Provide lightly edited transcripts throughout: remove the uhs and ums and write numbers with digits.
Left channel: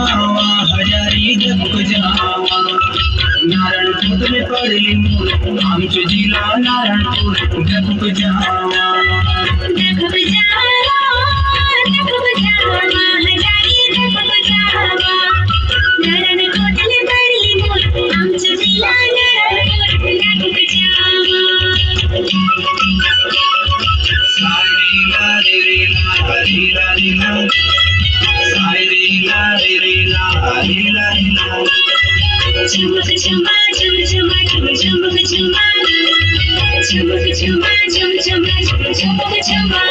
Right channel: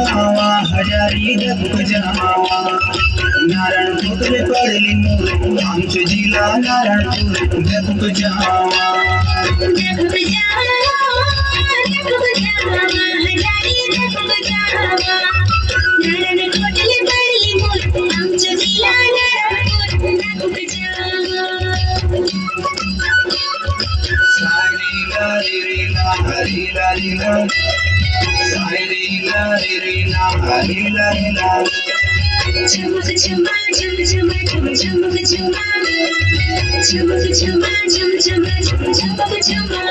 हजारी दबक जावा नारायणपुर में पड़ली मोर आमचे जिला नारायणपुर दबक जावा हजारी दबक जावा नारायणपुर में पड़ली मोर आमचे जिला नारायणपुर दबक जावा सारी ला रे ला हरी ला ला सारी ला रे ला हरी ला ला चमक चमा चम चमा चम चमक चमा चमक चमा चम चमा चमक चमा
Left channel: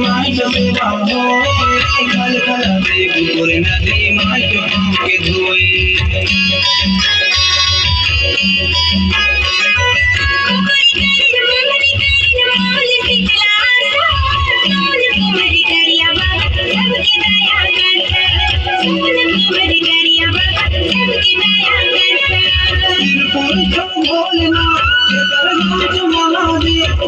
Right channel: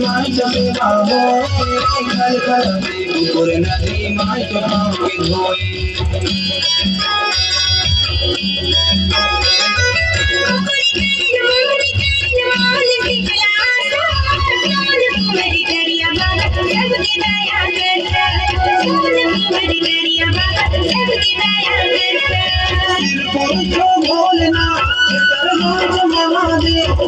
माई जमे बाहो कल कर बेगुर नदी माई के पाँव के धोए बोलना महादेव